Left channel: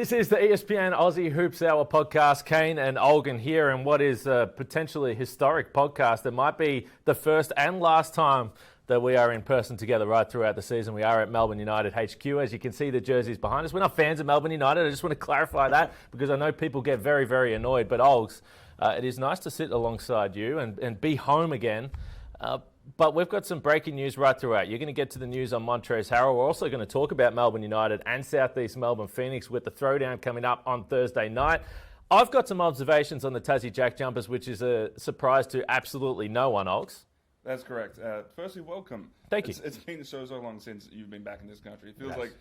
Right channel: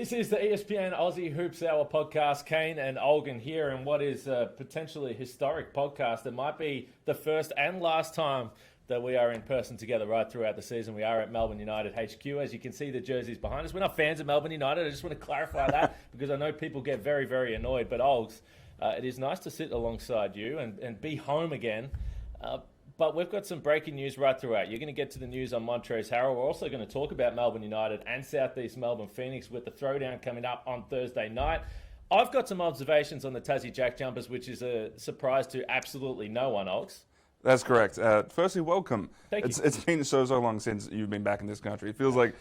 This is the ESPN Aussie Hoops Hour podcast. Kane and Olgun here, and what is a potentially historic podcast. It might be the first and last time that we are in person together right throughout the season. We are at Melbourne United HQ. As you can see, the jerseys behind us. We're not fans of Melbourne United. I just want to clarify that because I know people get very, very annoyed. But Olgs, it is nice to sit alongside you and be home again. But we've got some breaking news right throughout. You're going to get to the news on Montrezl Harrell. We're also going to talk about Melbourne United and Southeast Melbourne Phoenix with the throwdown coming up on Thursday night. I've got some observations on the Tassie JackJumpers, which is a surprise to absolutely no one, Ox. That's correct. Firstly, welcome. Thank you. It's been so long since you've been back in this country. It feels like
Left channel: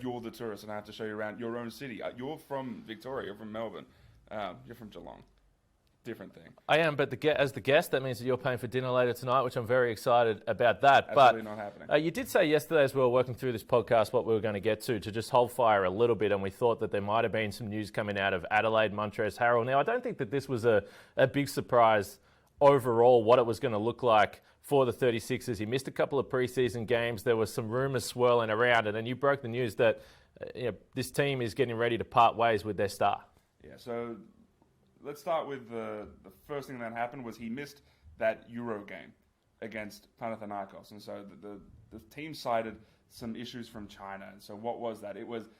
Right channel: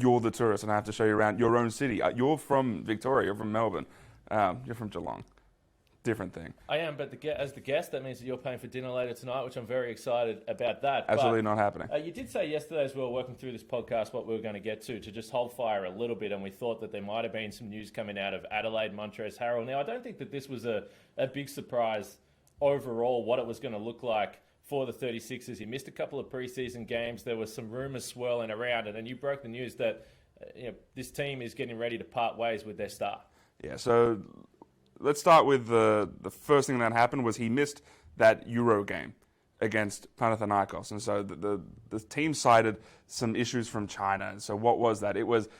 you're the tourist, and I have to show you around your own city. You're from Victoria. You're from Melbourne. You're from Geelong. Different thing. I am, but as the guest, that means that you're paying for dinner later tonight, which I'm very excited about that. Absolutely not happening. You did say yesterday as we were working through this podcast what we were going to get to just hold fire a little bit, and we thought that there might have been some news coming out of Adelaide, Montrezl Harrell. Now, I don't think that this was a big surprise overall, what it was going to look like for the 36ers. He missed a couple of preseason games. There was some rumours swirling around, and then you broke the news that this team is getting ready to part ways with their star. Yeah, so let's start with the first thing that happened was he missed that Euro game against Panathinaikos. And so the team cited some issues from China. And so what was that? It was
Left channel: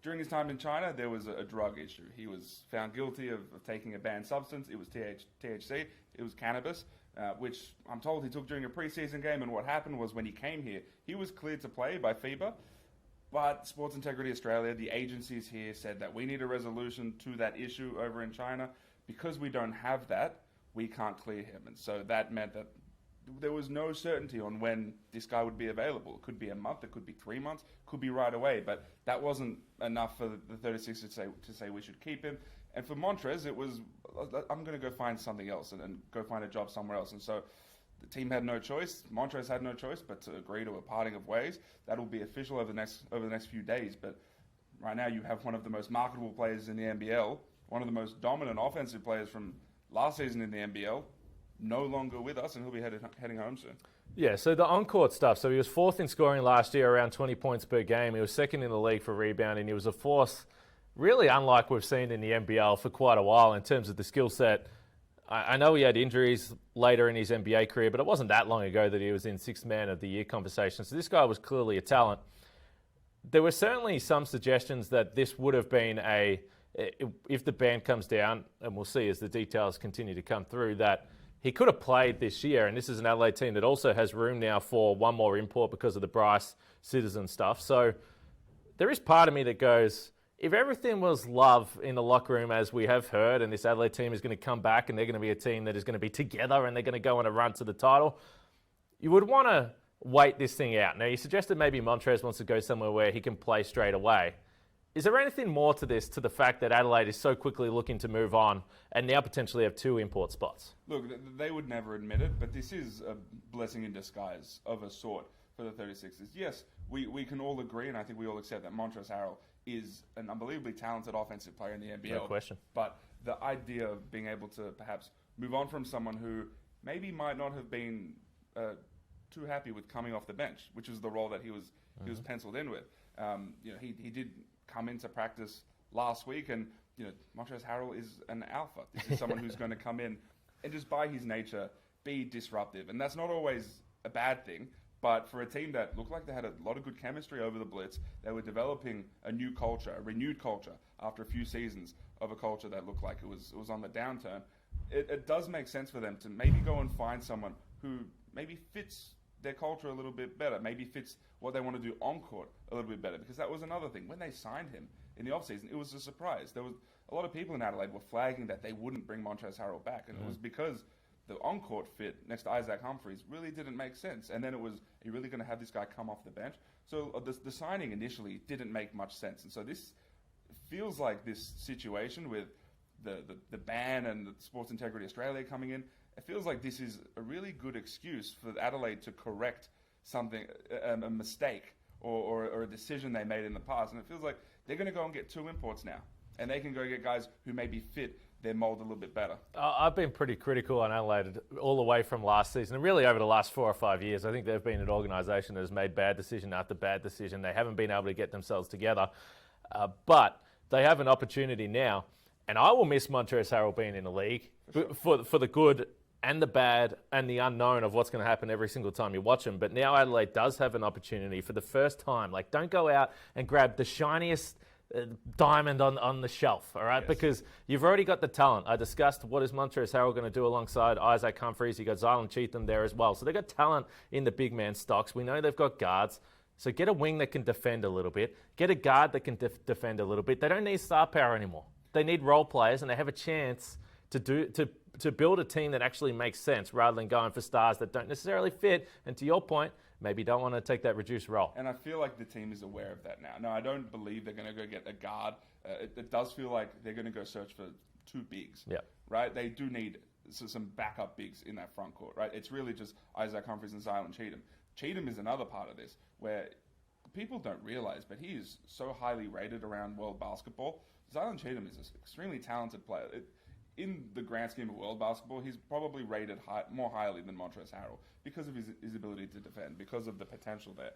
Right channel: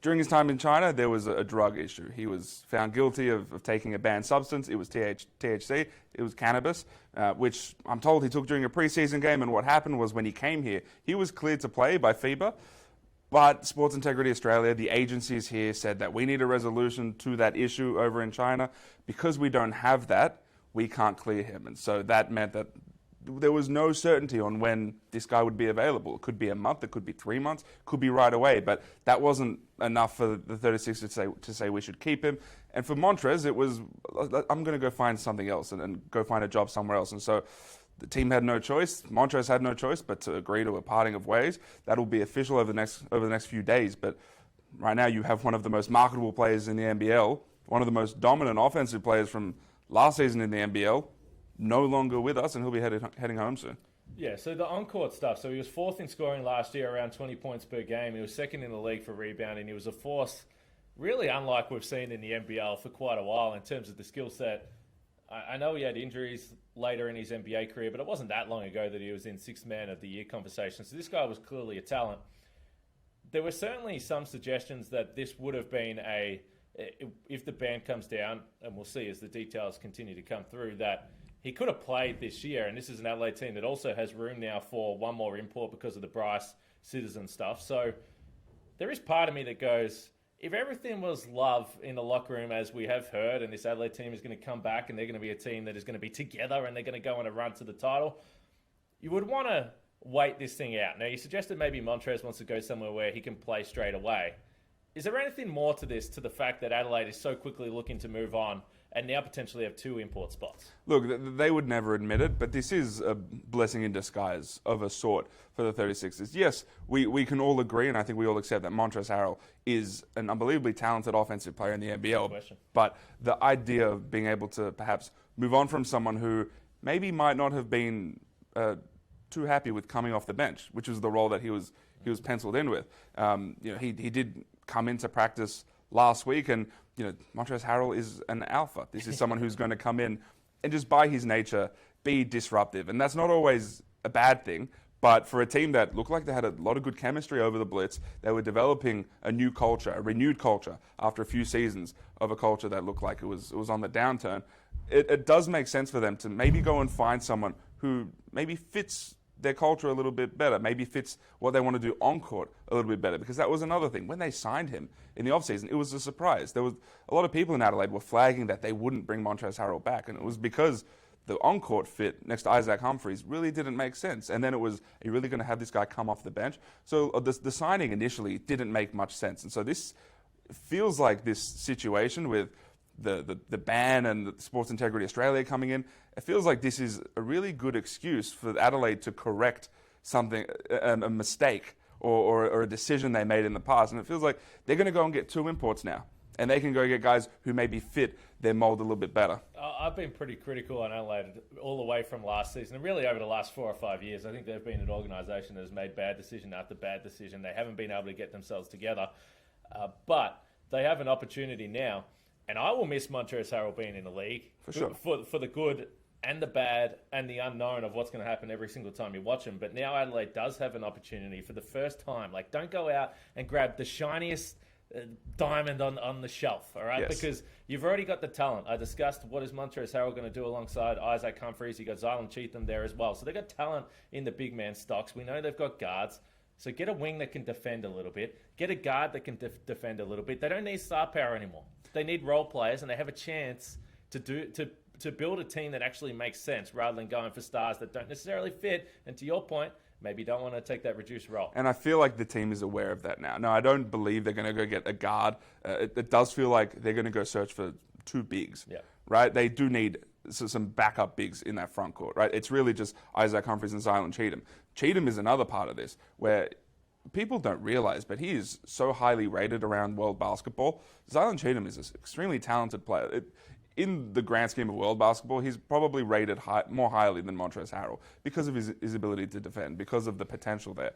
during his time in China, there was a drug issue. He was found guilty of taking a banned substance. It was THC. It was cannabis, which I'm told he took during a preseason game. And what happened was when he came here, he was cleared to play by FIBA. But Sports Integrity Australia, the agencies here, said that we need a resolution to that issue over in China. Because we don't have that, we can't clear him. And so that meant that there was no certainty on when this guy would be available. It could be a month, it could be 3 months, could be right away. But that wasn't enough for the 36ers to say we should keep him. And for Montrez, it was, I'm going to go find something else and go find a job somewhere else. And so the team had no choice. Montrez had no choice but to agree to a parting of ways. That'll be official over the next few days. But right now you have one of the most marketable players in the NBL, one of the most dominant offensive players from last season in the NBL, no longer with us, and he'll be heading home soon. Yeah, so the on-court stuff. So he was fourth in scoring last year, around 20 points per game. He was second in the league for rebounding. He was a force really unlike we've seen in the NBL for quite a while in terms of the skill set. I know he had injuries later in his NBA career, but it wasn't that long ago that he was in Sixth Man of the Year conversation. So this guy was clearly a talent. There were certainly some suggestions that this would have been if the ban comes down, and we'll see as the details continue to come through, that he could have played this year. And this is an Adelaide team that also has room now for one more import because of the Bryce Citizen stuff. So there is part of me that goes, if everything was love in the locker room, as we have heard, and this Adelaide team is going to come back and they're going to be a team that is going to be together and they're going to go on a run to the title, you would want to wait this thing out. Now, you suggested maybe Montrez wants to go somewhere where he can play straight away. Is there anything more to this, to the fact that Adelaide is so quickly looking to move on and now potentially have two import spots? Look, they would never admit it, but this is a blessing in disguise of a sort for the 36ers. Yes, we can all agree, and I think we all accept that Montrezl Harrell is an unbelievably talented offensive player in the NBL. No question. But the idea of being able to perhaps move on from someone who maybe might not have been too happy with coming off the bench, which was the role that he was penciled in with. He did come into practice last week, and Montrezl Harrell is an alpha. This is someone who's going to come in and just by his nature be disruptive, and that's not always a bad thing. But for a team that looked like they had a lot of good chemistry over the Blitz, they were developing a new culture, a renewed culture after a few seasons of a culture that looked like it was on the downturn. It does make sense for them to maybe go and find someone who maybe fits their culture a little bit better, maybe fits what they want to do on court a little bit better, because that was another thing. When they signed him in the offseason, it was a surprise. There was a lot of people in Adelaide were flagging that they wouldn't bring Montrezl Harrell back, and it was because the on-court fit next to Isaac Humphries really didn't make sense. And then it was, are you really going to have this guy come off the bench? So the signing initially didn't make much sense. And so this feels like this situation with the ban and the Sports Integrity Australia coming in, it feels like this is a really good excuse for Adelaide to correct something, a mistake or a decision they made in the past. And it feels like they're going to go and get two imports now. And they can go get guys who maybe fit their mold a little bit better. I've been pretty critical on Adelaide all the way from last season, and really over the last 4 or 5 years. I think they've been an organisation that has made bad decision after bad decision. They haven't been able to get themselves together. But they have an opportunity now. And I will miss Montrezl Harrell being in the league for the good and the bad and the unknown of what's going to happen every single time you watch him. But now Adelaide does have an opportunity for the first time. Like, don't go out and grab the shiniest diamond on the shelf, all right? Yes. Because you've already got the talent. I discussed what is Montrezl Harrell going to do alongside Isaac Humphries. You got Zylan Cheatham there as well. So they've got talent in the big man stocks. We know they've got guards. So get a wing that can defend a little bit. Get a guard that can defend a little bit. They don't need star power anymore. They need role players, and they have a chance to build a team that actually makes sense rather than going for stars that don't necessarily fit. And to your point, maybe you don't want to take that reduced role. And I feel like the team is aware of that now. No, I don't believe they're going to go get a guard. It does feel like they're going to go search for two bigs, right? They do need some backup bigs in that front court, right? It's really just Isaac Humphries and Zylan Cheatham. Cheatham is another part of this where people don't realize, but he is so highly rated around world basketball. Zylan Cheatham is an extremely talented player. In the grand scheme of world basketball, he's probably rated more highly than Montrezl Harrell because of his ability to defend, because of the potential there.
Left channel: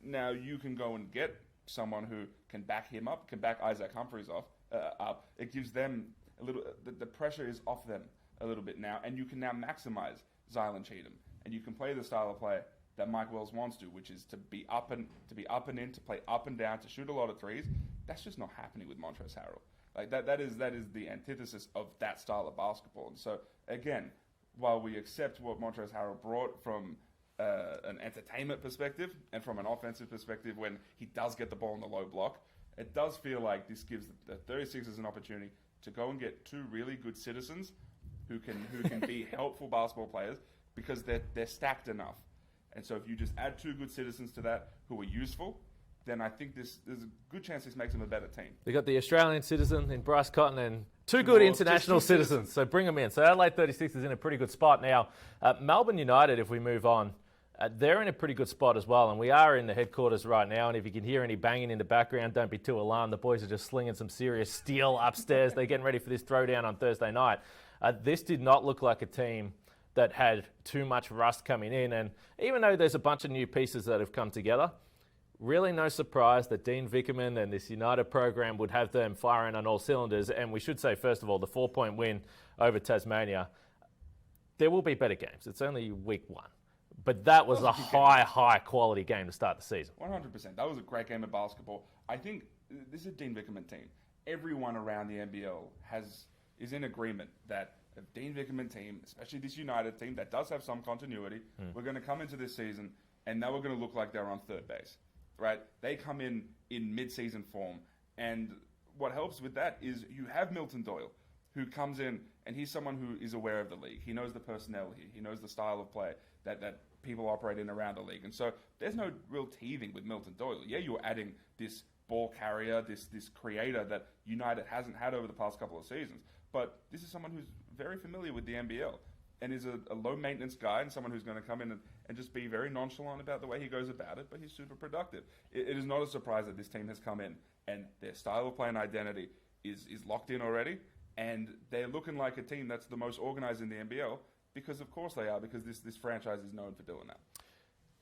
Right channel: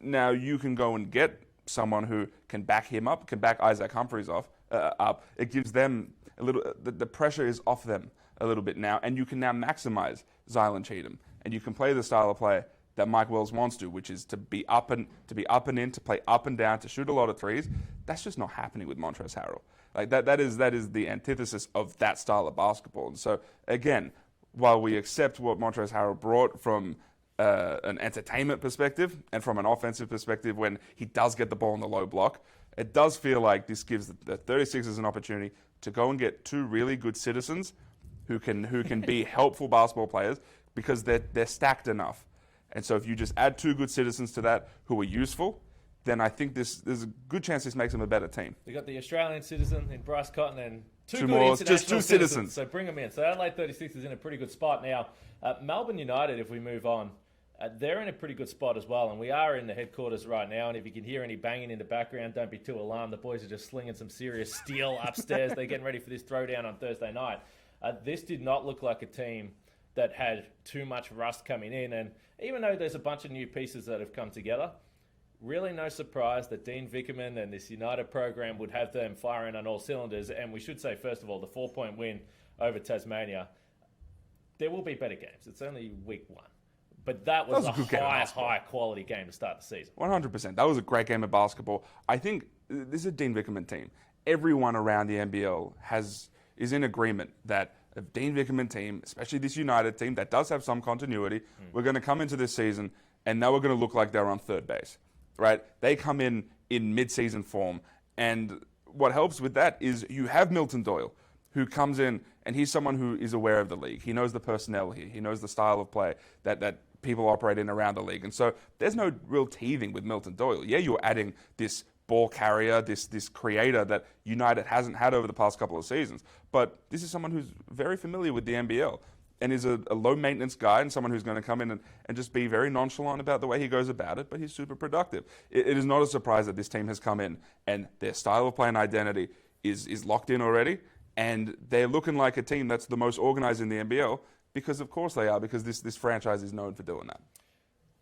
Now, you can go and get someone who can back him up, can back Isaac Humphries up. It gives them a little, the pressure is off them a little bit now, and you can now maximize Zylan Cheatham, and you can play the style of play that Mike Wells wants to, which is to be up and in, to play up and down, to shoot a lot of threes. That's just not happening with Montrezl Harrell. Like that is the antithesis of that style of basketball. And so again, while we accept what Montrezl Harrell brought from an entertainment perspective and from an offensive perspective, when he does get the ball in the low block, it does feel like this gives the 36ers an opportunity to go and get two really good citizens who can be helpful basketball players because they're stacked enough. And so if you just add two good citizens to that who are useful, then I think there's a good chance this makes them a better team. They got the Australian citizen in Bryce Cotton and two good more, international just two citizens. So bring them in. So Adelaide 36 is in a pretty good spot now. Melbourne United, if we move on, they're in a pretty good spot as well. And we are in the headquarters right now. And if you can hear any banging in the background, don't be too alarmed. The boys are just slinging some serious steel upstairs. They're getting ready for this throwdown on Thursday night. This did not look like a team that had too much rust coming in. And even though there's a bunch of new pieces that have come together, really no surprise that Dean Vickerman and this United program would have them firing on all cylinders. And we should say, first of all, the 4-point win over Tasmania. There will be better games. It's only week one. But that was a high quality game to start the season. 100%. That was a great game of basketball. I think this is a Dean Vickerman team. Everyone around the NBL is in agreement that a Dean Vickerman team, especially this United team that does have some continuity, we're going to come into this season and now we're going to look like they're on third base. Right? They come in mid-season form, and what helps with that is you have Milton Doyle, who comes in, and he's someone who is aware of the league. He knows the personnel here. He knows the style of play that people operate in around the league. And so there's no real teething with Milton Doyle. Yeah, you're adding this ball carrier, this creator that United hasn't had over the past couple of seasons. But this is someone who's very familiar with the NBL and is a low-maintenance guy and someone who's going to come in and just be very nonchalant about the way he goes about it, but he's super productive. It is not a surprise that this team has come in and their style of play and identity is locked in already, and they're looking like a team that's the most organized in the NBL because, of course, they are, because this franchise is known for doing that.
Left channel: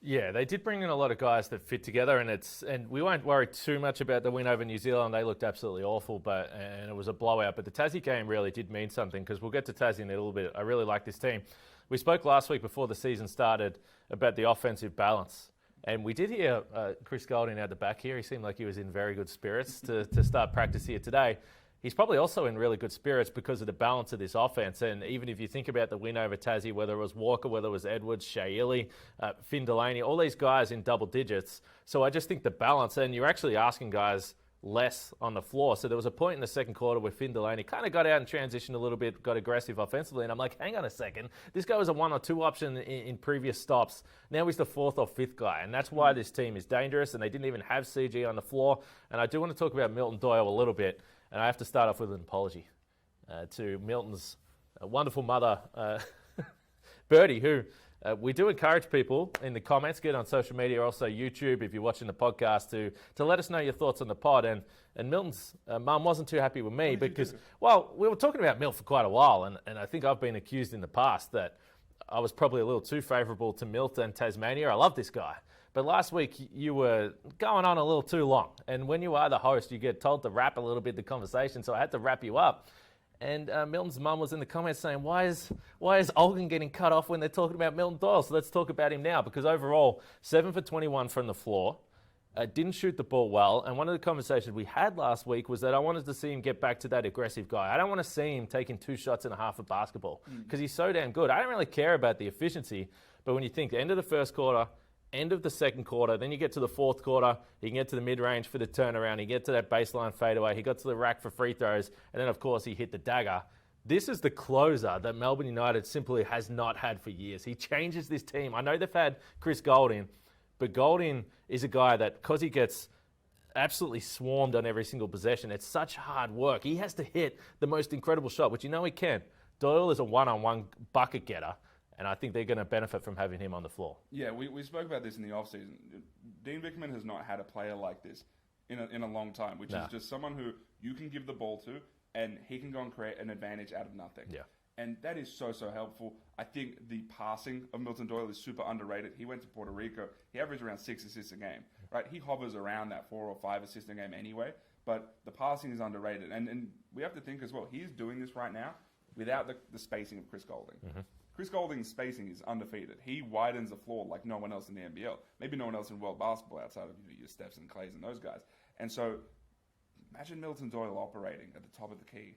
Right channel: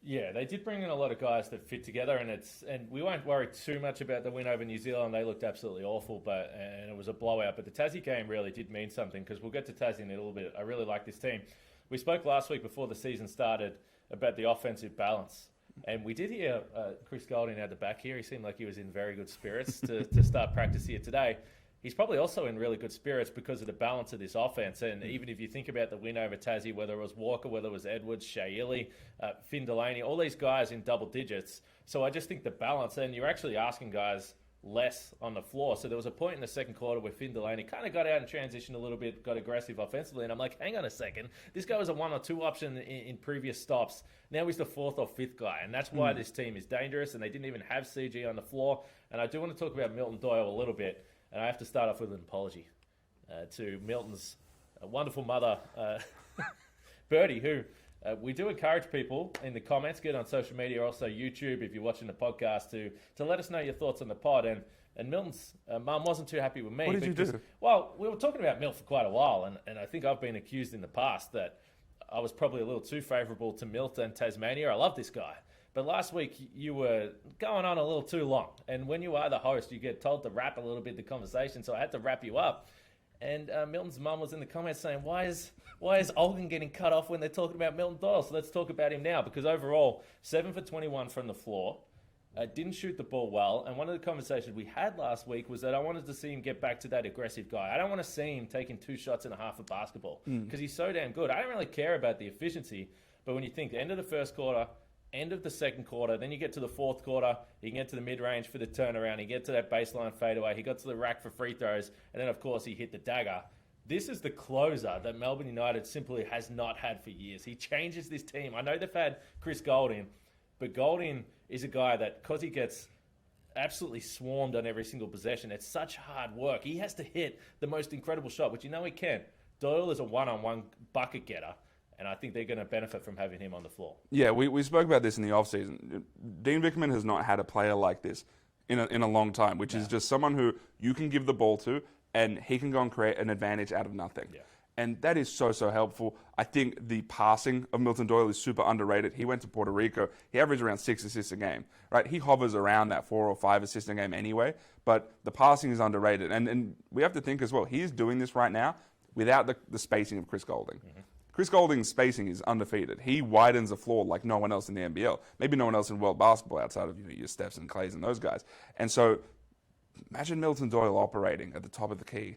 Yeah, they did bring in a lot of guys that fit together, and we won't worry too much about the win over New Zealand. They looked absolutely awful, and it was a blowout. But the Tassie game really did mean something, because we'll get to Tassie in a little bit. I really like this team. We spoke last week before the season started about the offensive balance, and we did hear Chris Golding at the back here. He seemed like he was in very good spirits to start practice here today. He's probably also in really good spirits because of the balance of this offense. And even if you think about the win over Tassie, whether it was Walker, whether it was Edwards, Shea Ili, Finn Delaney, all these guys in double digits. So I just think the balance, and you're actually asking guys less on the floor. So there was a point in the second quarter where Finn Delaney kind of got out and transitioned a little bit, got aggressive offensively. And I'm like, hang on a second. This guy was a 1 or 2 option in previous stops. Now he's the 4th or 5th guy. And that's why this team is dangerous. And they didn't even have CG on the floor. And I do want to talk about Milton Doyle a little bit. And I have to start off with an apology to Milton's wonderful mother, Birdie, who we do encourage people in the comments, get on social media, also YouTube, if you're watching the podcast, to let us know your thoughts on the pod. And Milton's mum wasn't too happy with me. What did you do? Well, we were talking about Milt for quite a while, and I think I've been accused in the past that I was probably a little too favourable to Milt and Tasmania. I love this guy. But last week, you were going on a little too long. And when you are the host, you get told to wrap a little bit the conversation. So I had to wrap you up. And Milton's mum was in the comments saying, why is Olgun getting cut off when they're talking about Milton Doyle? So let's talk about him now. Because overall, 7 for 21 from the floor. Didn't shoot the ball well. And one of the conversations we had last week was that I wanted to see him get back to that aggressive guy. I don't want to see him taking 2 shots and a half of basketball. Because he's so damn good. I don't really care about the efficiency. But when you think the end of the first quarter, end of the second quarter, then you get to the fourth quarter, you can get to the mid-range for the turnaround, you get to that baseline fadeaway, he got to the rack for free throws, and then, of course, he hit the dagger. This is the closer that Melbourne United simply has not had for years. He changes this team. I know they've had Chris Goulding, but Goulding is a guy that, because he gets absolutely swarmed on every single possession, it's such hard work. He has to hit the most incredible shot, which you know he can. Doyle is a one-on-one bucket getter. And I think they're going to benefit from having him on the floor. Yeah, we spoke about this in the offseason. Dean Vickerman has not had a player like this in a long time, which is just someone who you can give the ball to and he can go and create an advantage out of nothing. Yeah. And that is so helpful. I think the passing of Milton Doyle is super underrated. He went to Puerto Rico. He averaged around 6 assists a game, right? He hovers around that 4 or 5 assists a game anyway, but the passing is underrated. And we have to think as well, he's doing this right now without the spacing of Chris Goulding. Mm-hmm. Chris Goulding's spacing is undefeated. He widens the floor like no one else in the NBL. Maybe no one else in world basketball outside of your Stephs and Clays and those guys. And so imagine Milton Doyle operating at the top of the key.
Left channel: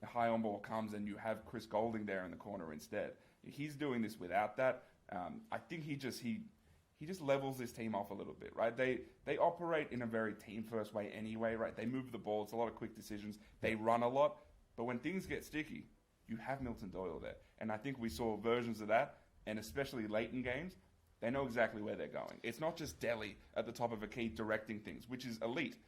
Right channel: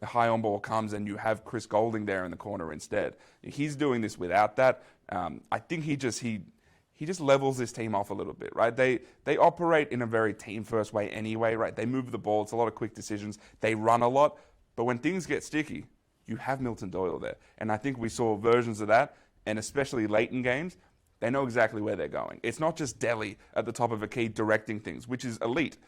A high on ball comes and you have Chris Goulding there in the corner instead. He's doing this without that. I think he just levels this team off a little bit, right? They operate in a very team-first way anyway, right? They move the ball. It's a lot of quick decisions. They run a lot. But when things get sticky, you have Milton Doyle there. And I think we saw versions of that, and especially late in games, they know exactly where they're going. It's not just Delhi at the top of a key directing things, which is elite.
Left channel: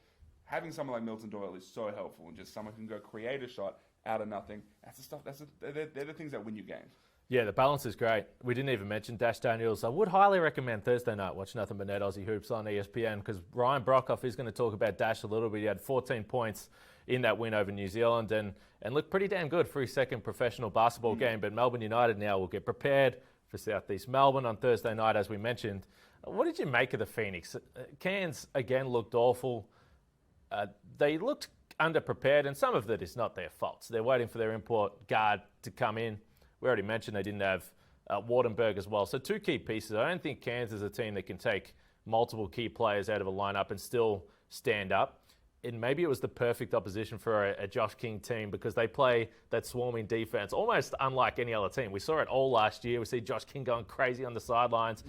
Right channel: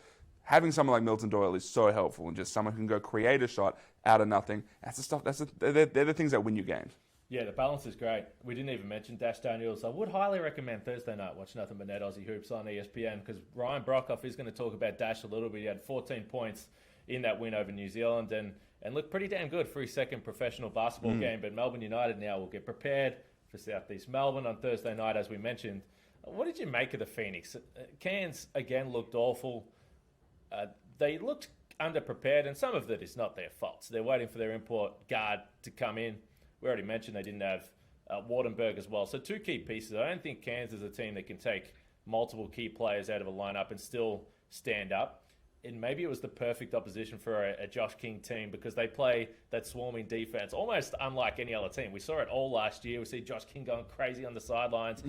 Having someone like Milton Doyle is so helpful, and just someone who can go create a shot out of nothing. That's the stuff. They're the things that win you games. Yeah, the balance is great. We didn't even mention Dash Daniels. I would highly recommend Thursday night watch nothing but net Aussie Hoops on ESPN, because Ryan Brockhoff is going to talk about Dash a little bit. He had 14 points in that win over New Zealand and looked pretty damn good for his second professional basketball game. But Melbourne United now will get prepared for Southeast Melbourne on Thursday night, as we mentioned. What did you make of the Phoenix? Cairns, again, looked awful. They looked underprepared, and some of it is not their faults. They're waiting for their import guard to come in. We already mentioned they didn't have Wardenberg as well. So 2 key pieces. I don't think Cairns is a team that can take multiple key players out of a lineup and still stand up. And maybe it was the perfect opposition for a Josh King team, because they play that swarming defense almost unlike any other team. We saw it all last year. We see Josh King going crazy on the sidelines.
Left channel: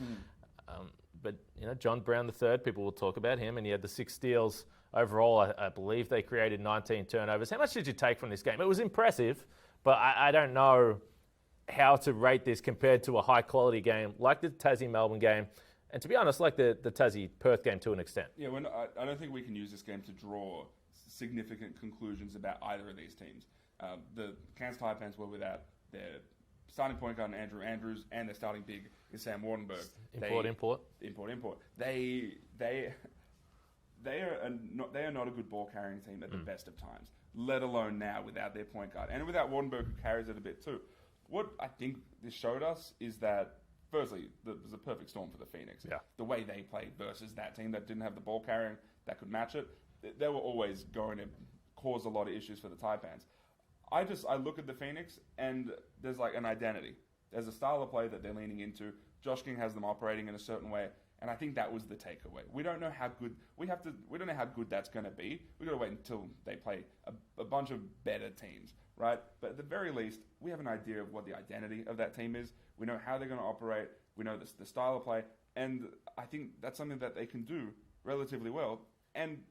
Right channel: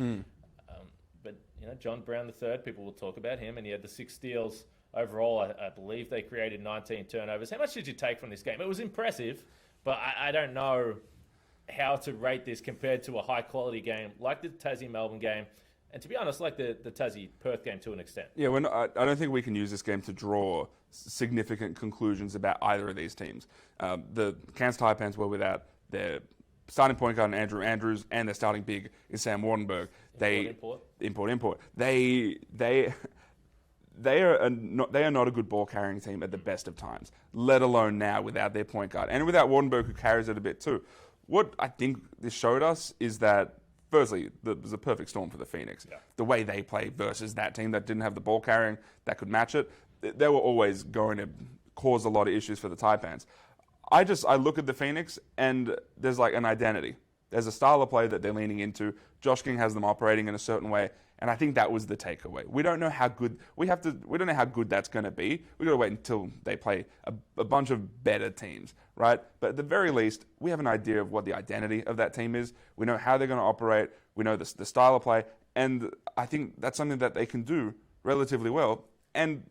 But John Brown III, people will talk about him, and he had the 6 steals overall. I believe they created 19 turnovers. How much did you take from this game? It was impressive, but I don't know how to rate this compared to a high-quality game like the Tassie-Melbourne game. And to be honest, like the Tassie-Perth game to an extent. Yeah, I don't think we can use this game to draw significant conclusions about either of these teams. The Cairns Taipans were without their starting point guard, Andrew Andrews, and their starting big is Sam Wardenberg. Import. They are not a good ball carrying team at the best of times, let alone now without their point guard and without Wardenberg, who carries it a bit too. What I think this showed us is that, firstly, there's a perfect storm for the Phoenix. Yeah. The way they play versus that team that didn't have the ball carrying that could match it, they were always going to cause a lot of issues for the Taipans. I look at the Phoenix and there's like an identity. There's a style of play that they're leaning into. Josh King has them operating in a certain way, and I think that was the takeaway. We don't know how good we don't know how good that's going to be. We got to wait until they play a bunch of better teams, right? But at the very least, we have an idea of what the identity of that team is. We know how they're going to operate. We know the style of play, and I think that's something that they can do relatively well. And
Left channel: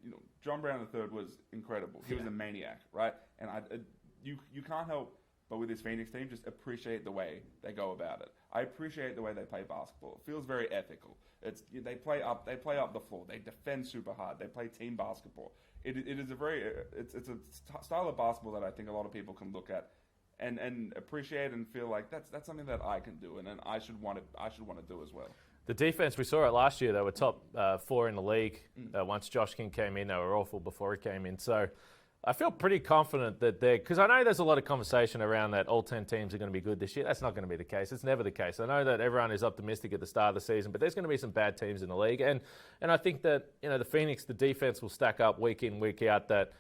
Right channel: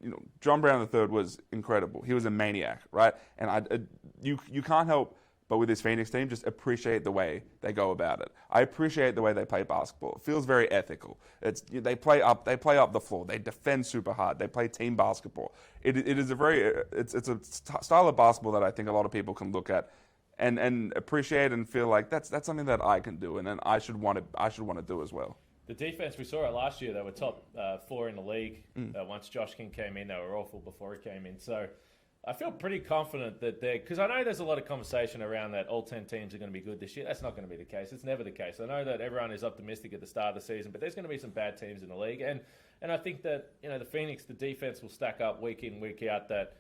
John Brown III was incredible. He was a maniac, right? And you can't help but with this Phoenix team just appreciate the way they go about it. I appreciate the way they play basketball. It feels very ethical. They play up the floor. They defend super hard. They play team basketball. It's a style of basketball that I think a lot of people can look at and appreciate and feel like that's something that I can do and then I should want to do as well. The defense, we saw it last year. They were top 4 in the league. Once Josh King came in, they were awful before he came in. So I feel pretty confident that because I know there's a lot of conversation around that all 10 teams are going to be good this year. That's not going to be the case. It's never the case. I know that everyone is optimistic at the start of the season, but there's going to be some bad teams in the league. And I think that, the Phoenix, the defense will stack up week in, week out, that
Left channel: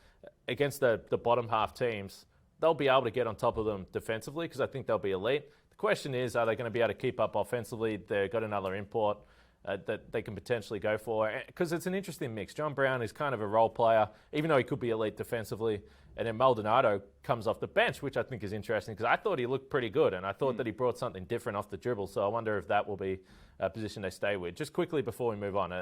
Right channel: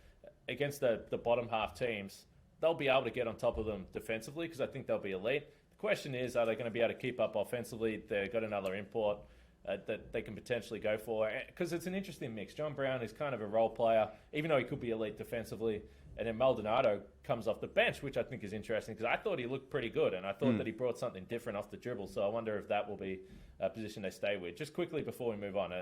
against the bottom half teams, they'll be able to get on top of them defensively because I think they'll be elite. The question is, are they going to be able to keep up offensively? They've got another import that they can potentially go for, because it's an interesting mix. John Brown is kind of a role player, even though he could be elite defensively. And then Maldonado comes off the bench, which I think is interesting because I thought he looked pretty good, and I thought that he brought something different off the dribble. So I wonder if that will be a position they stay with. Just quickly before we move on,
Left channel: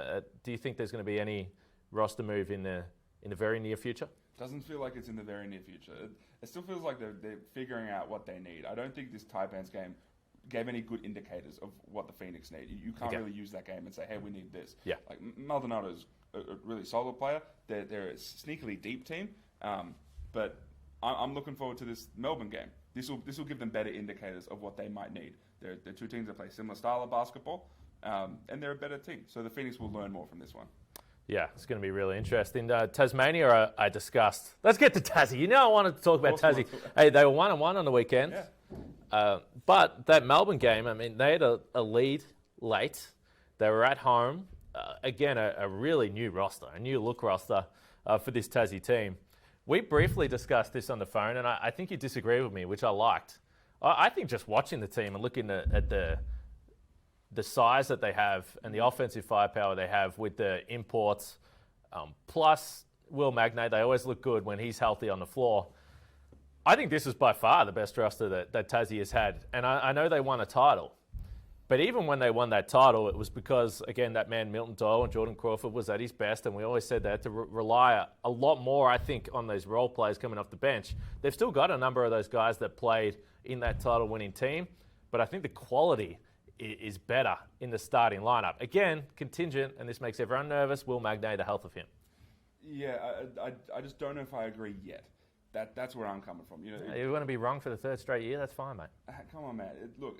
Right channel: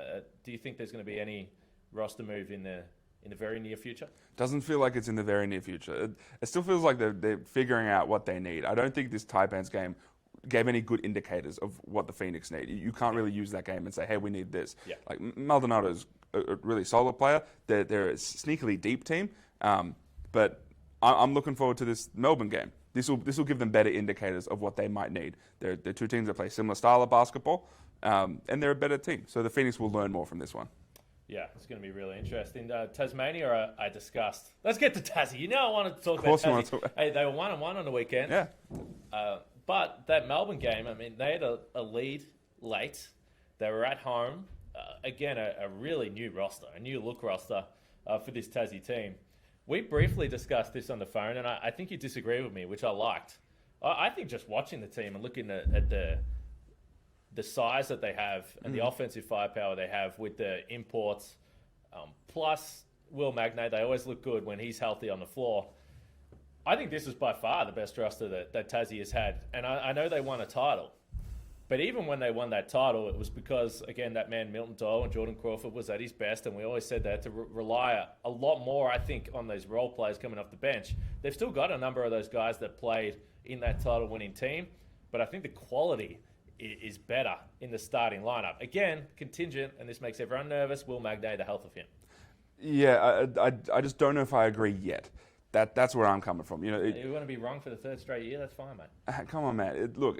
do you think there's going to be any roster move in the very near future? Doesn't feel like it's in the very near future. It still feels like they're figuring out what they need. I don't think this Taipans game gave any good indicators of what the Phoenix need. You can't really use that game and say, hey, we need this. Yeah. Like Maldonado's a really solid player. They're a sneakily deep team, but I'm looking forward to this Melbourne game. This will give them better indicators of what they might need. They're two teams that play similar style of basketball, and they're a better team. So the Phoenix will learn more from this one. Yeah, it's going to be really interesting. Tasmania, I discussed. Let's get to Tassie. I wanted to talk about Tassie. Hey, they were 1-1 on the weekend. Yeah. But that Melbourne game, they had a lead late. They were at home. Again, a really new roster, a new look roster for this Tassie team. We briefly discussed this on the phone, and I think you disagree with me, which I liked. I think just watching the team and looking at the size that they have and the offensive firepower they have with the imports, plus Will Magnay, they always look good when he's healthy on the floor. I think this is by far the best roster that Tassie has had. And I know they won a title. But even when they won that title, it was because, again, that man Milton Doyle and Jordan Crawford was at his best. And we always said they had to rely a lot more, I think, on those role players coming off the bench. They've still got a number of those guys that played in that title-winning team. But I think the quality is better in the starting lineup. Again, contingent, and this makes everyone nervous, Will Magnay, the health of him. Yeah, I just don't know if I agree yet. That's where I'm coming from. You want to be wrong for the third straight year? That's fine, mate. Come on, man. Look.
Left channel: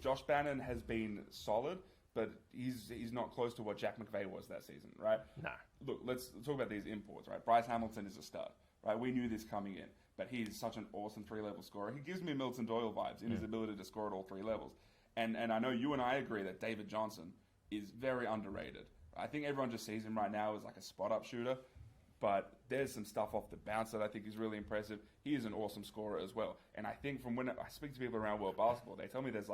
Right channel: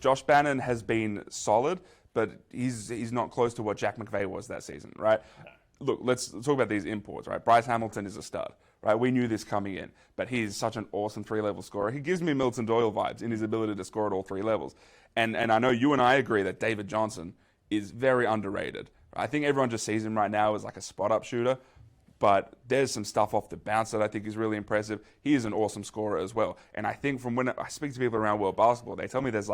Josh Bannon has been solid, but he's not close to what Jack McVay was that season, right? No. Look, let's talk about these imports, right? Bryce Hamilton is a stud, right? We knew this coming in, but he's such an awesome three-level scorer. He gives me Milton Doyle vibes in his ability to score at all three levels. And I know you and I agree that David Johnson is very underrated. I think everyone just sees him right now as like a spot-up shooter. But there's some stuff off the bounce that I think is really impressive. He is an awesome scorer as well. And I think from when I speak to people around world basketball, they tell me there's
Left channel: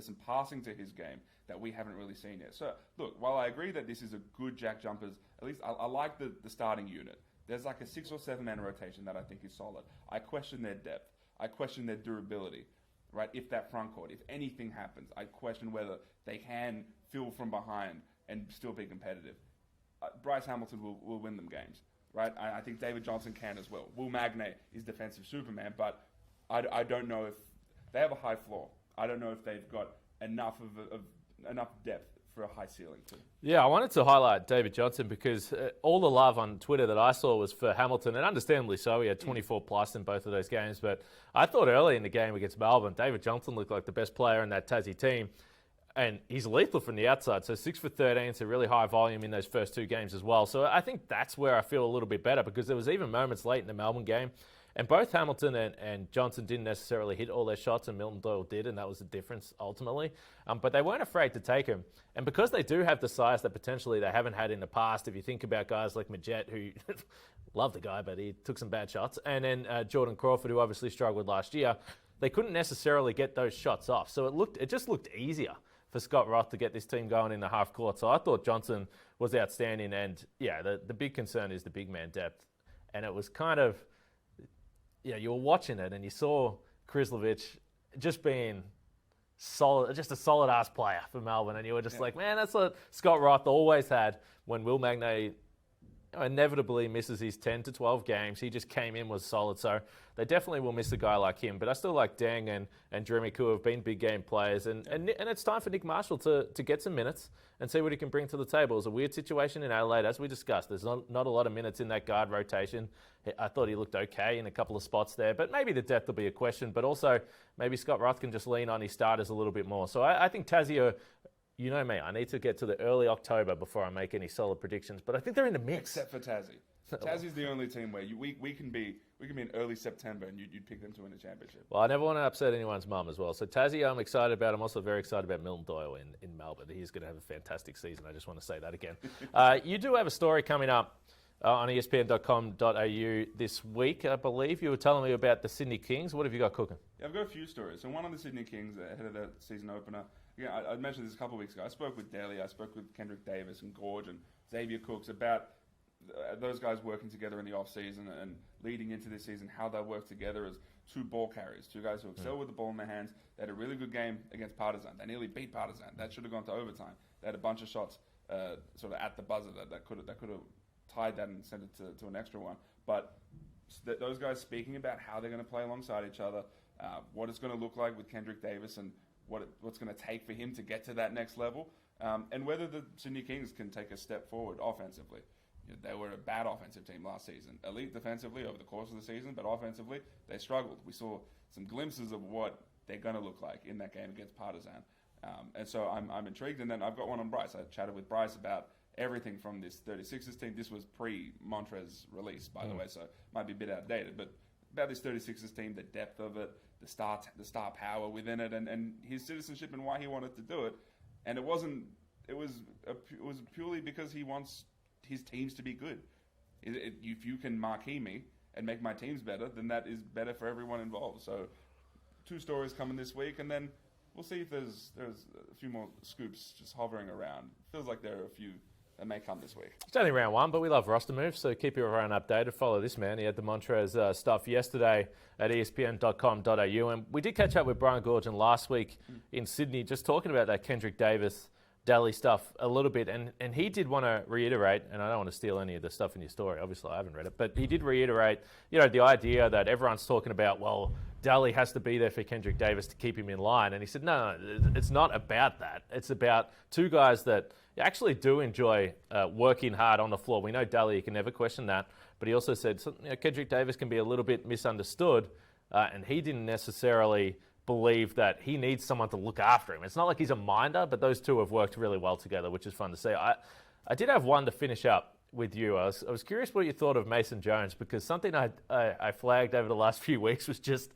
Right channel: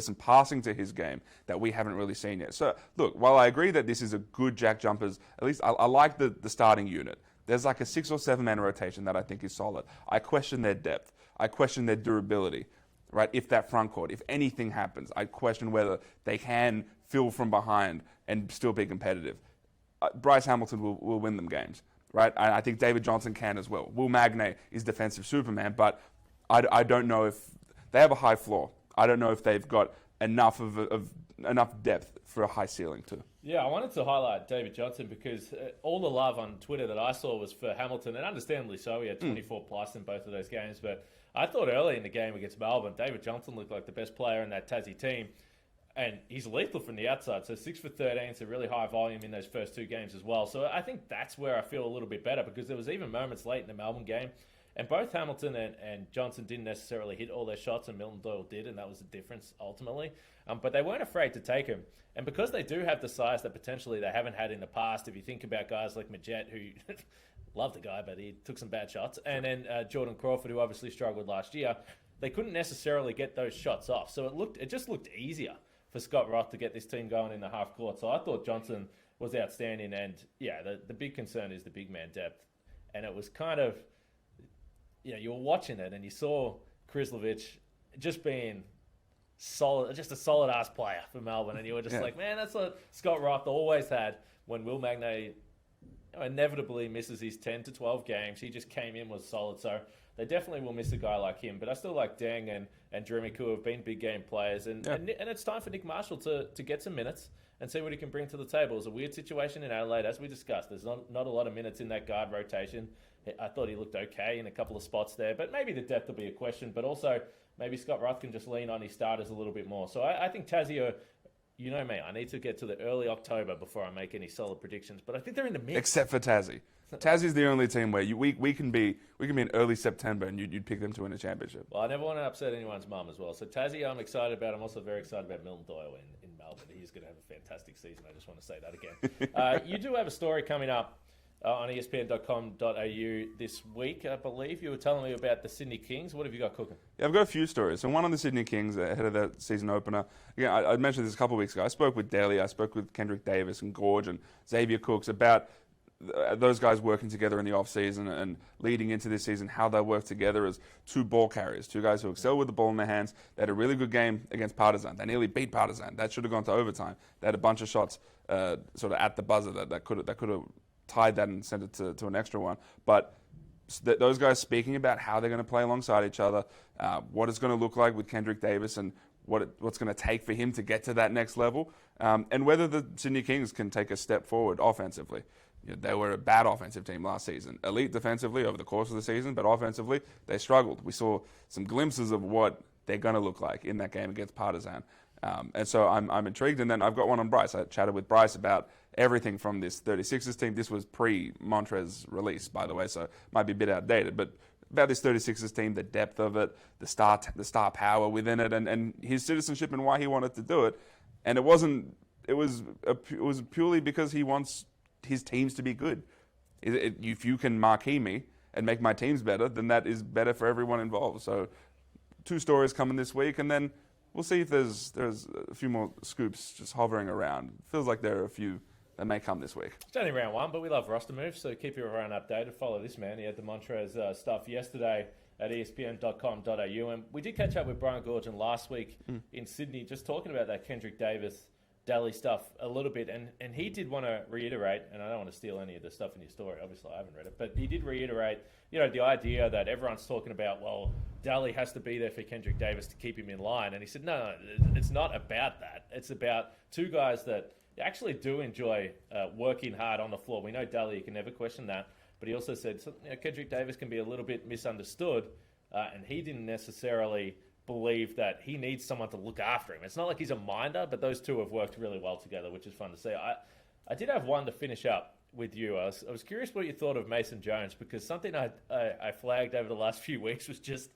some passing to his game that we haven't really seen yet. So look, while I agree that this is a good JackJumpers, at least I like the starting unit. There's like a 6 or 7 man rotation that I think is solid. I question their depth. I question their durability, right? If that front court, if anything happens, I question whether they can fill from behind and still be competitive. Bryce Hamilton will win them games. Right, I think David Johnson can as well. Will Magnay is defensive Superman, but I don't know if they have a high floor. I don't know if they've got enough of enough depth for a high ceiling too. Yeah, I wanted to highlight David Johnson because all the love on Twitter that I saw was for Hamilton, and understandably so. He had 24 plus in both of those games, but I thought early in the game against Melbourne, David Johnson looked like the best player in that Tassie team. And he's lethal from the outside. So 6 for 13, so really high volume in those first 2 games as well. So I think that's where I feel a little bit better because there was even moments late in the Melbourne game. And both Hamilton and Johnson didn't necessarily hit all their shots, and Milton Doyle did, and that was the difference ultimately. But they weren't afraid to take him. And because they do have the size that potentially they haven't had in the past, if you think about guys like Majet, who love the guy, but he took some bad shots, and then Jordan Crawford, who obviously struggled last year, they couldn't necessarily get those shots off. So it just looked easier for Scott Roth to get this team going in the half court. So I thought Johnson was outstanding. And, yeah, the big concern is the big man depth. And it was kind of, you were watching it and you saw Krislovic just being solid, just a solid-ass player for Melbourne. And you were just like, man, that's what Scott Roth always had when Will Magnay inevitably misses his 10 to 12 games. He just came in, was solid. So they definitely will miss a guy like him. But I still like Deng and Jeremy Koo have been big game players. And it's time for Nick Marshall to get some minutes and see what he can bring to the table. It was a weird situation in Adelaide, as we discussed. There's not a lot of minutes in that guard rotation. I thought he looked okay in a couple of spots there. But maybe the depth will be a question. But also, maybe Scott Roth can just lean on his starters a little bit more. So I think Tassie are, you know me, I need to get to the early October before I make any solid predictions. But I think they're in the mix. Except for Tassie. Tassie's the only team where we can be in early September and you'd pick them to win a championship. Well, I never want to upset anyone's mum as well. So Tassie, I'm excited about. I'm also very excited about Milton Doyle in Melbourne. He's going to have a fantastic season. I just want to say that again. You do have a story coming up on ESPN.com.au this week, I believe. You were telling me about the Sydney Kings. What have you got cooking? Yeah, I've got a few stories. So one on the Sydney Kings ahead of that season opener. Again, I mentioned this a couple of weeks ago. I spoke with Daly, I spoke with Kendric Davis and Gorge and Xavier Cooks about those guys working together in the off-season and leading into this season, how they work together as two ball carriers, two guys who excel with the ball in their hands. They had a really good game against Partizan. They nearly beat Partizan. That should have gone to overtime. They had a bunch of shots sort of at the buzzer that could have tied that and sent it to an extra one. But those guys speaking about how they're going to play alongside each other, what it's going to look like with Kendric Davis and what's going to take for him to get to that next level, and whether the Sydney Kings can take a step forward offensively. They were a bad offensive team last season. Elite defensively over the course of the season, but offensively, they struggled. We saw some glimpses of what they're going to look like in that game against Partizan. And so I'm intrigued. And then I've got one on Bryce. I chatted with Bryce about everything from this 36ers team. This was pre-Montrez release, by the way, so it might be a bit outdated. But about this 36ers team, the depth of it, the star power within it, and his citizenship and why he wanted to do it. And it was purely because he wants his teams to be good. If you can marquee me and make my teams better, then that is better for everyone involved. So 2 stories coming this week, and then we'll see if there's a few more scoops just hovering around. Feels like there are a few that may come this week. It's only round 1, but we love roster moves, so keep everyone updated. Follow this man. He had the Montrez stuff yesterday at ESPN.com.au, and we did catch up with Brian Gorgon last week in Sydney, just talking about that Kendric Davis Daly stuff a little bit, and he did want to reiterate, and I don't want to steal any of the stuff in your story, obviously I haven't read it, but he did reiterate, the idea that everyone's talking about, well, Daly has to be there for Kendric Davis to keep him in line, and he said, no, it's not about that. It's about two guys that actually do enjoy working hard on the floor. We know Daly, you can never question that, but he also said Kendric Davis can be a little bit misunderstood, and he didn't necessarily believe that he needs someone to look after him. It's not like he's a minder, but those two have worked really well together, which is fun to see. I did have one to finish up with you. I was curious what you thought of Mason Jones, because something I flagged over the last few weeks was just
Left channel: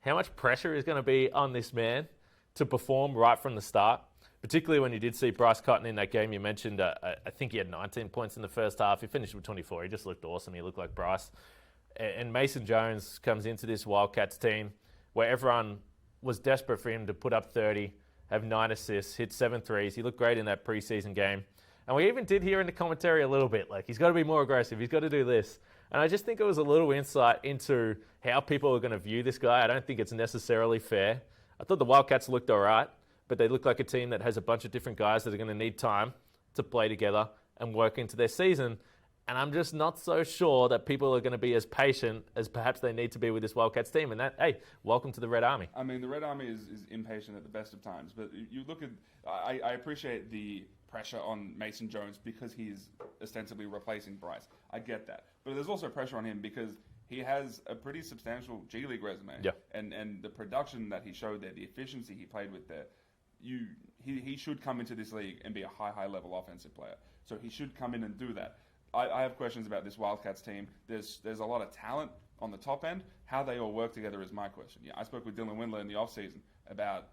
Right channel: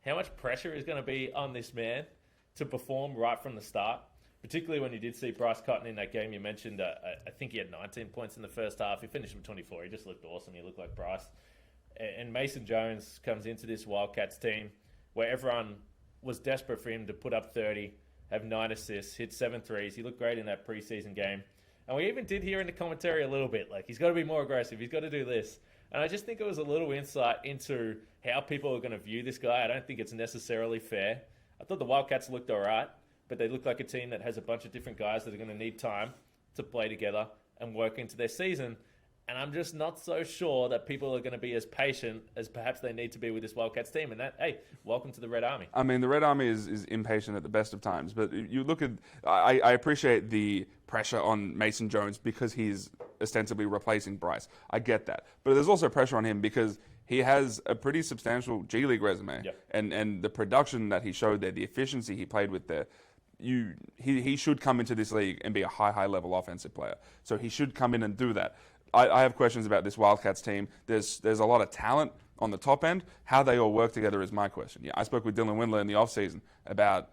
how much pressure is going to be on this man to perform right from the start, particularly when you did see Bryce Cotton in that game you mentioned. I think he had 19 points in the first half. He finished with 24. He just looked awesome. He looked like Bryce. And Mason Jones comes into this Wildcats team where everyone was desperate for him to put up 30, have 9 assists, hit 7 threes. He looked great in that preseason game. And we even did hear in the commentary a little bit, like, he's got to be more aggressive, he's got to do this. And I just think it was a little insight into how people are going to view this guy. I don't think it's necessarily fair. I thought the Wildcats looked all right, but they look like a team that has a bunch of different guys that are going to need time to play together and work into their season. And I'm just not so sure that people are going to be as patient as perhaps they need to be with this Wildcats team. And that, hey, welcome to the Red Army. I mean, the Red Army is impatient at the best of times. But you look at, I appreciate the pressure on Mason Jones because he's ostensibly replacing Bryce. I get that. But there's also pressure on him because he has a pretty substantial G League resume. Yeah. And the production that he showed there, the efficiency he played with there, he should come into this league and be a high level offensive player. So he should come in and do that. I have questions about this Wildcats team. There's a lot of talent on the top end. How they all work together is my question. Yeah, I spoke with Dylan Windler in the offseason about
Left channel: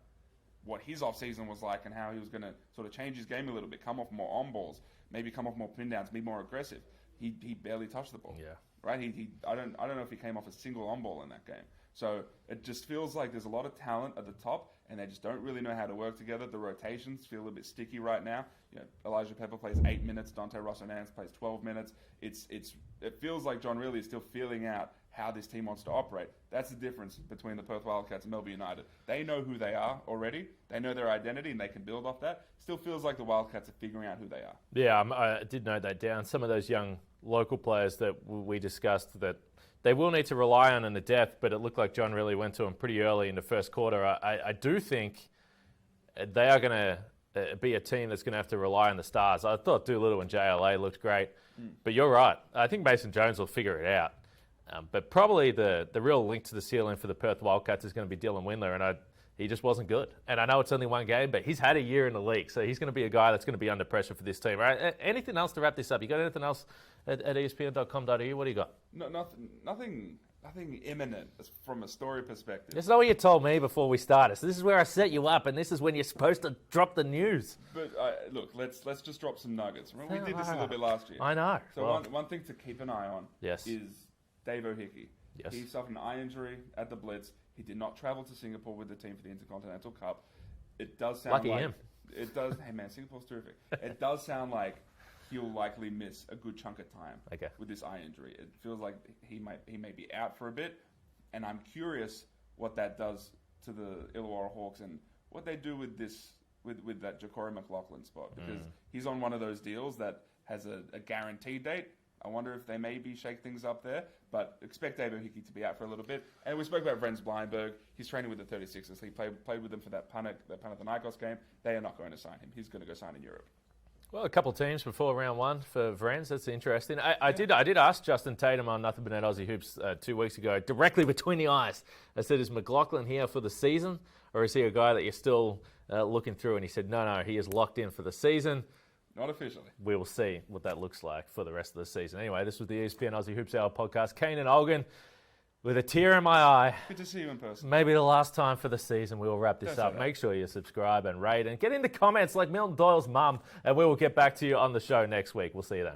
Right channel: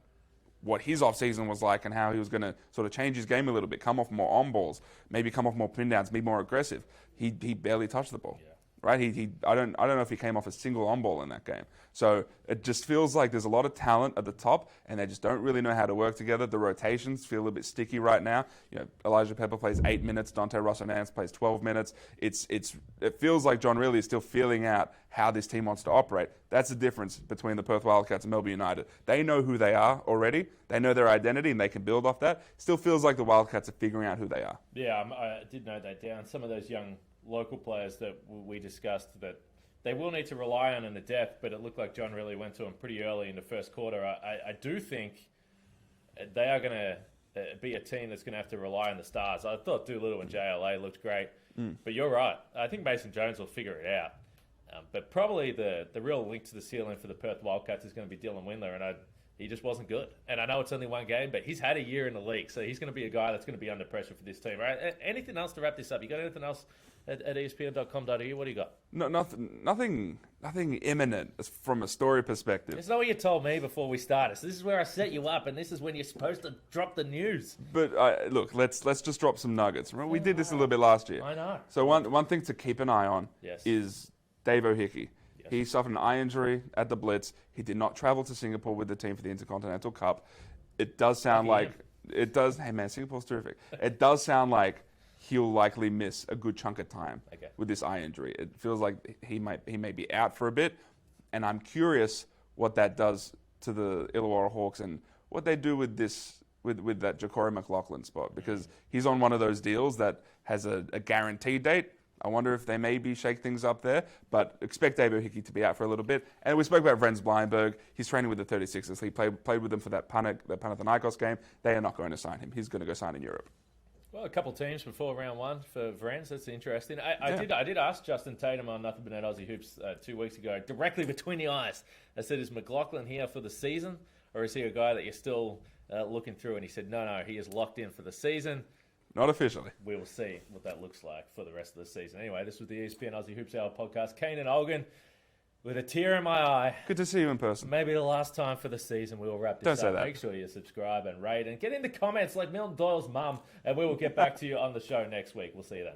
what his offseason was like and how he was going to sort of change his game a little bit, come off more on balls, maybe come off more pin downs, be more aggressive. He barely touched the ball. Yeah. Right? I don't know if he came off a single on ball in that game. So it just feels like there's a lot of talent at the top, and they just don't really know how to work together. The rotations feel a bit sticky right now. Elijah Pepper plays 8 minutes. Dante Russell-Nance plays 12 minutes. It feels like John Riley is still feeling out how this team wants to operate. That's the difference between the Perth Wildcats and Melbourne United. They know who they are already. They know their identity, and they can build off that. Still feels like the Wildcats are figuring out who they are. Yeah, I did note that down. Some of those young local players that we discussed that they will need to rely on in the depth, but it looked like John really went to them pretty early in the first quarter. I do think they are going to be a team that's going to have to rely on the stars. I thought Doolittle and JLA looked great, but you're right. I think Mason Jones will figure it out. But probably the real link to the ceiling for the Perth Wildcats is going to be Dylan Windler, and he just wasn't good. And I know it's only one game, but he's had a year in the league, so he's going to be a guy that's going to be under pressure for this team. Right? Anything else to wrap this up? You got anything else at ESPN.com.au? What do you got? No, nothing imminent from a story perspective. It's not what you told me before we started. So this is where I set you up, and this is when you're supposed to drop the news. But look, let's just drop some nuggets. Remember, we did this a little bit last year. I know. So one thing to keep an eye on Yes. is Dave O'Hickey. Yes. He suffered an eye injury at the Blitz. He did not travel to Singapore with the team for the Intercontinental Cup. It does sound Lucky like Hey man, Singapore's terrific. It does sound like he'll likely miss a good chunk of time with this eye injury. It feels like he may be out for a bit, and I'm curious what that does to the Illawarra Hawks and what they do with this with that Ja'Cory McLaughlin spot, because he's on one of those deals that has a guaranteed date. I wonder if they maybe shake things up there, but expect Dave O'Hickey to be out for a little bit. And we spoke about Vrens Bleinberg. He's training with the 36ers. He played with them for that Panathinaikos game. They are not going to sign him. He's going to go sign in Europe. Well, a couple of teams before round one for Vrens. That's interesting. I did ask Justin Tatum on Nothing But Net Aussie Hoops 2 weeks ago, directly between the eyes. I said, is McLaughlin here for the season, or is he a guy that you're still looking through? And he said, no, he is locked in for the season. Not officially. We will see what that looks like for the rest of the season. Anyway, this was the ESPN Aussie Hoops Hour podcast. Kane and Olgun, with a tear in my eye. Good to see you in person. Maybe the last time for the season. We will wrap this up. Make sure you subscribe and rate and get in the comments like Milton Doyle's mum, and we will get back to you on the show next week. We'll see you then.